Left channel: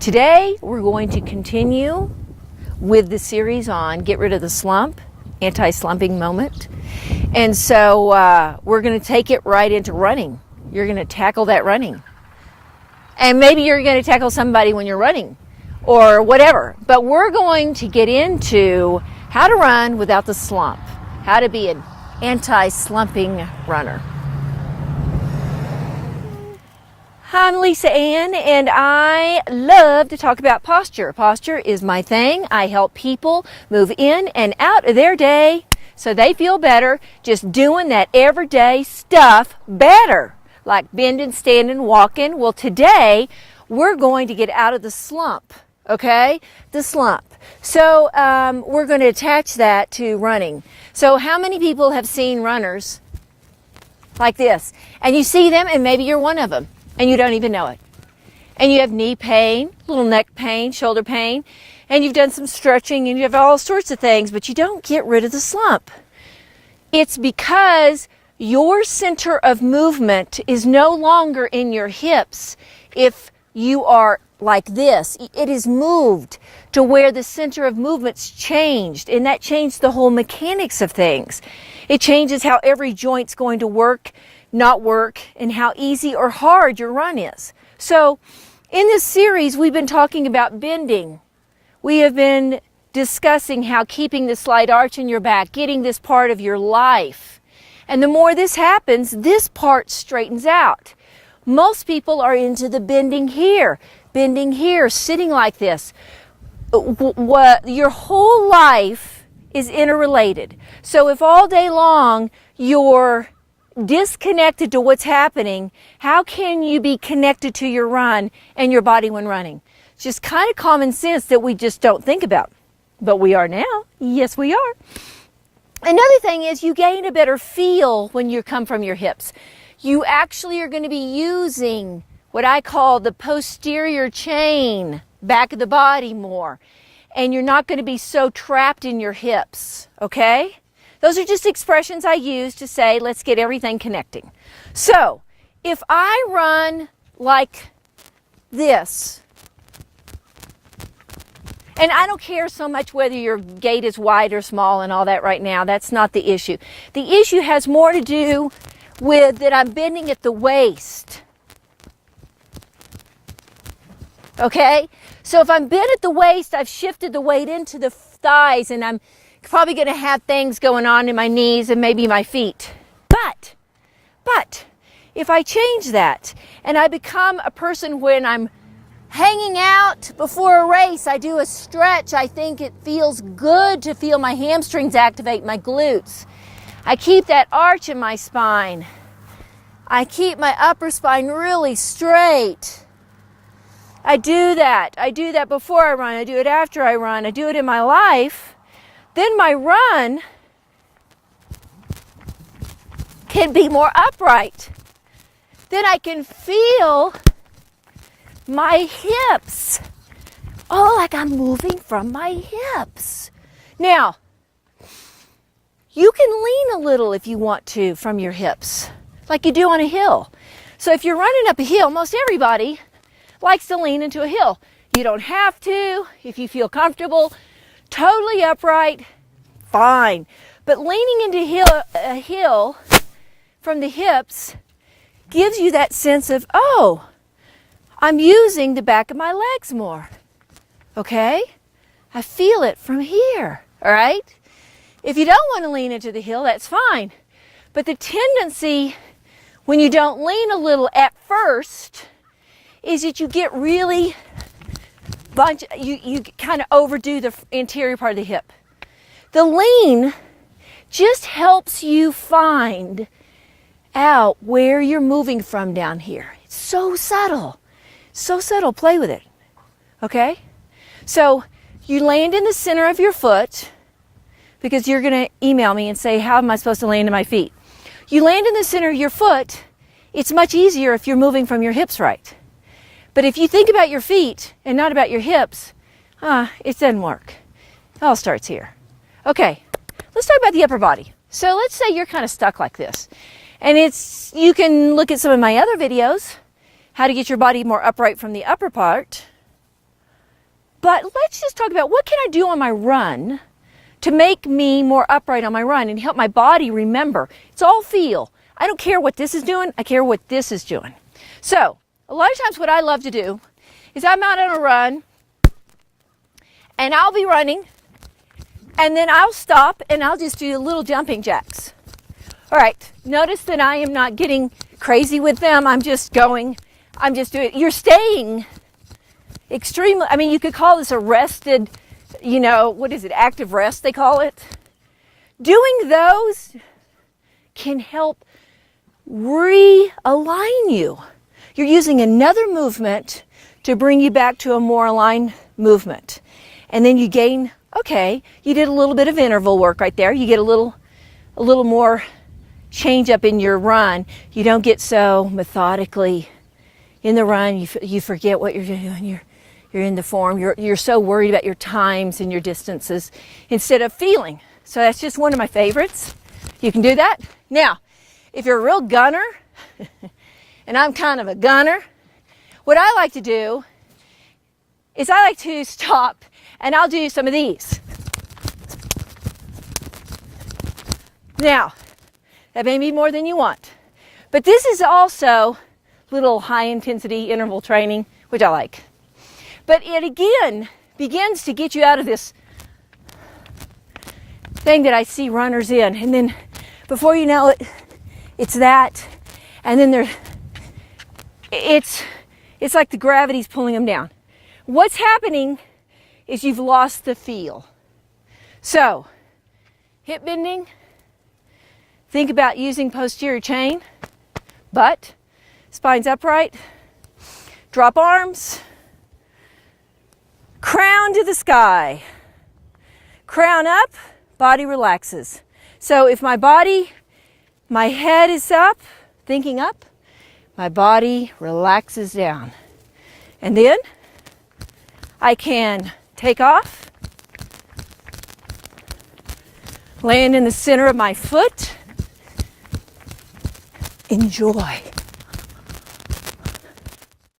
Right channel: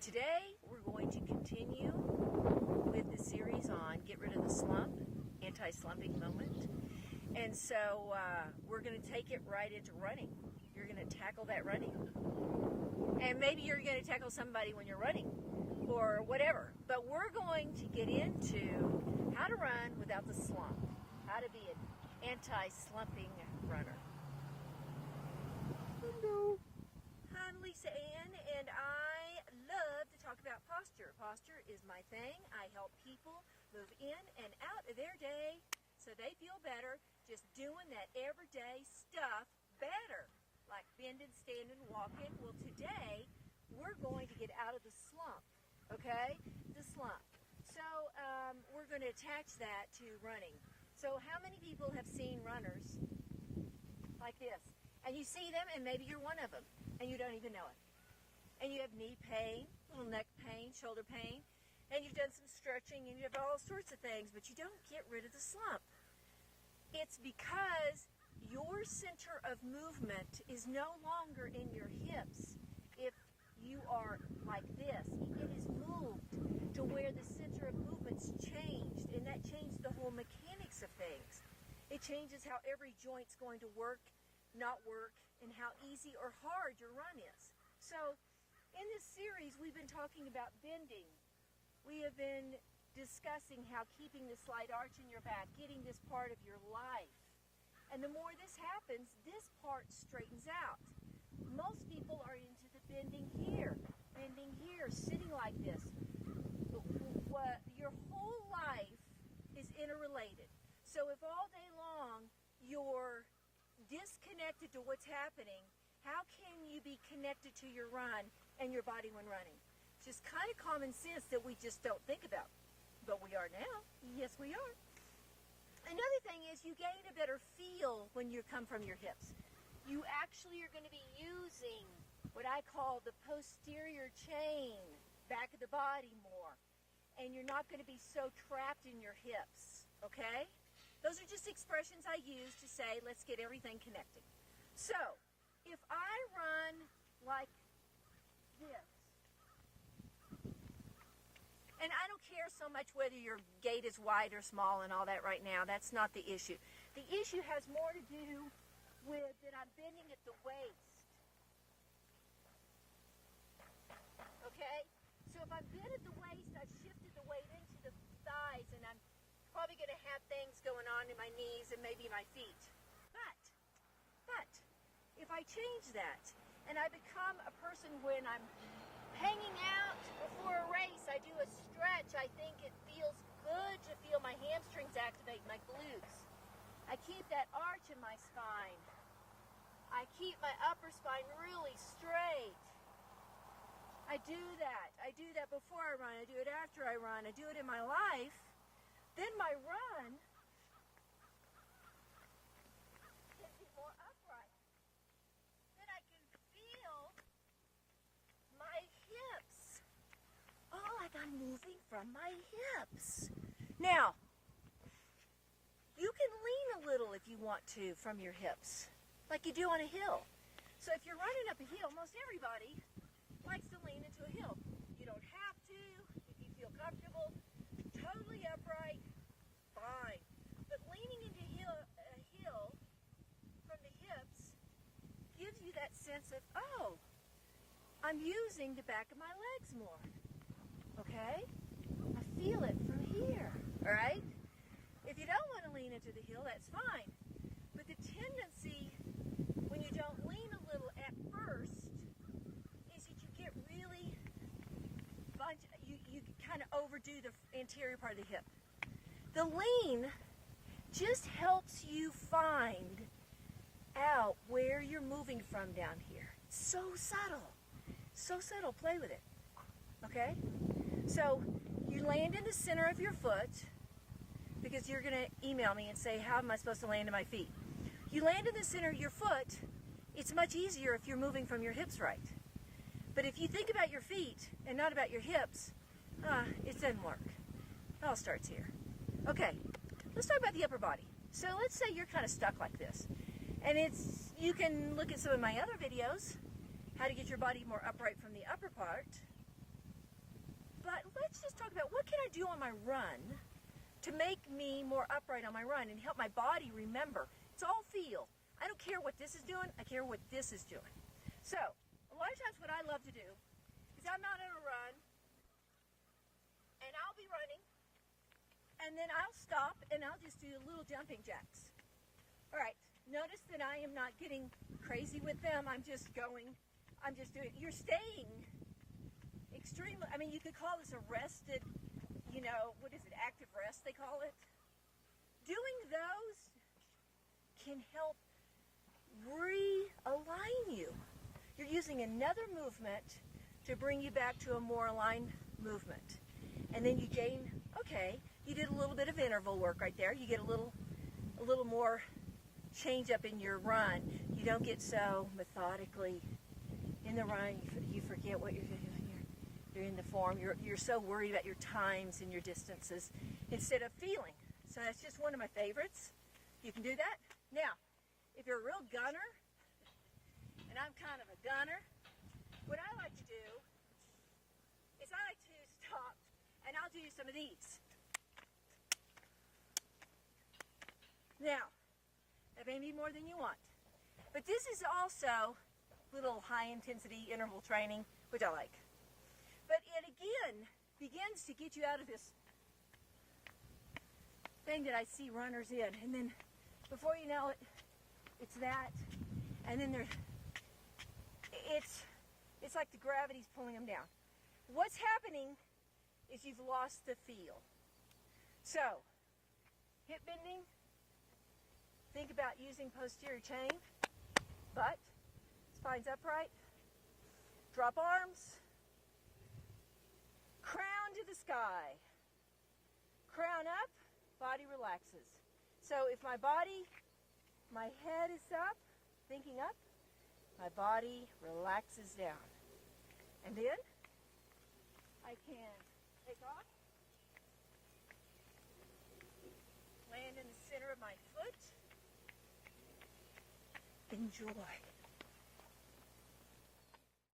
Today, we're going to continue with the series on Get Rid of the Slump, anti-slumping moment. And so we're going to take it right into running. You're going to tackle that running. And maybe you're going to tackle somebody when you're running or whatever. But we're going to get into how to run without the slump, how to be an anti-slumping runner. I'm Lisa Ann, and I love to talk about posture. Posture is my thing. I help people move in and out of their day so they feel better just doing that everyday stuff better, like bending, standing, walking. Well, today we're going to get out of the slump, okay? The slump. So we're going to attach that to running. So how many people have seen runners like this? And you see them, and maybe you're one of them, and you don't even know it. And you have knee pain, little neck pain, shoulder pain, and you've done some stretching, and you have all sorts of things, but you don't get rid of the slump. It's because your center of movement is no longer in your hips. If you are like this, it is moved to where the center of movement's changed, and that changed the whole mechanics of things. It changes how every joint's going to work, not work, and how easy or hard your run is. So in this series, we've been talking about bending. We have been discussing how keeping the slight arch in your back, getting this part of your life. And the more this happens, this part straightens out. Most people are into the bending here, sitting like this. Your whole life is interrelated. So if all day long you're disconnected to what's happening, how can you be connected to your run and your body when running? It's just kind of common sense that we just don't think about. But we are now. Yes, we are. Another thing is you gain a better feel when you come from your hips. You actually are going to be using what I call the posterior chain, back of the body more. And you're not going to be so trapped in your hips, okay? Those are just expressions I use to say, let's get everything connecting. So, if I run like this, and I don't care so much whether your gait is wide or small and all that right now, that's not the issue. The issue has more to do with that I'm bending at the waist. Okay? So if I'm bent at the waist, I've shifted the weight into the thighs, and I'm probably going to have things going on in my knees and maybe my feet. But if I change that and I become a person when I'm hanging out before a race, I do a stretch, I think it feels good to feel my hamstrings activate, my glutes. I keep that arch in my spine. I keep my upper spine really straight. I do that. I do that before I run. I do it after I run. I do it in my life. Then my run can be more upright. Then I can feel my hips. Oh, like I'm moving from my hips. Now, you can lean a little if you want to from your hips, like you do on a hill. So if you're running up a hill, most everybody likes to lean into a hill. You don't have to if you feel comfortable. Totally upright, fine. But leaning into a hill from the hips gives you that sense of, oh, I'm using the back of my legs more. Okay? I feel it from here, all right? If you don't want to lean into the hill, that's fine. But the tendency when you don't lean a little at first is that you get really you kind of overdo the anterior part of the hip. The lean just helps you find out where you're moving from down here. It's so subtle. So subtle. Play with it. Okay? So you land in the center of your foot, because you're going to email me and say, how am I supposed to land in my feet? You land in the center of your foot. It's much easier if you're moving from your hips right. But if you think about your feet and not about your hips, it doesn't work. It all starts here. Okay, let's talk about the upper body. So let's say you're kind of stuck like this. And you can look at some of my other videos, how to get your body more upright from the upper part. But let's just talk about what can I do on my run to make me more upright on my run and help my body remember. It's all feel. I don't care what this is doing, I care what this is doing. So, a lot of times what I love to do is I'm out on a run and I'll be running and then I'll stop and I'll just do little jumping jacks. All right, notice that I am not getting crazy with them. I'm just doing, you're staying extremely, I mean, you could call this a rested, what is it, active rest they call it. Doing those can help realign you. You're using another movement to bring you back to a more aligned movement. And then you gain, okay, you did a little bit of interval work right there. You get a little more change up in your run. You don't get so methodically in the run. You forget what you're doing. You're in the form. You're so worried about your times and your distances instead of feeling. So that's just one of my favorites. You can do that. Now, if you're a real gunner, and I'm kind of a gunner, what I like to do is I like to stop and I'll do some of these. Now, that may be more than you want, but this is also little high intensity interval training, which I like. But it again begins to get you out of this thing that I see runners in, and then before you know it, it's that, and then it's like the gravity's pulling them down. What's happening is you've lost the feel. So, hip bending, think about using posterior chain, butt, spine's upright, drop arms, crown to the sky, crown up, body relaxes. So if my head is up, thinking up, my body relaxes down. And then I can take off, land in the center of my foot, enjoy.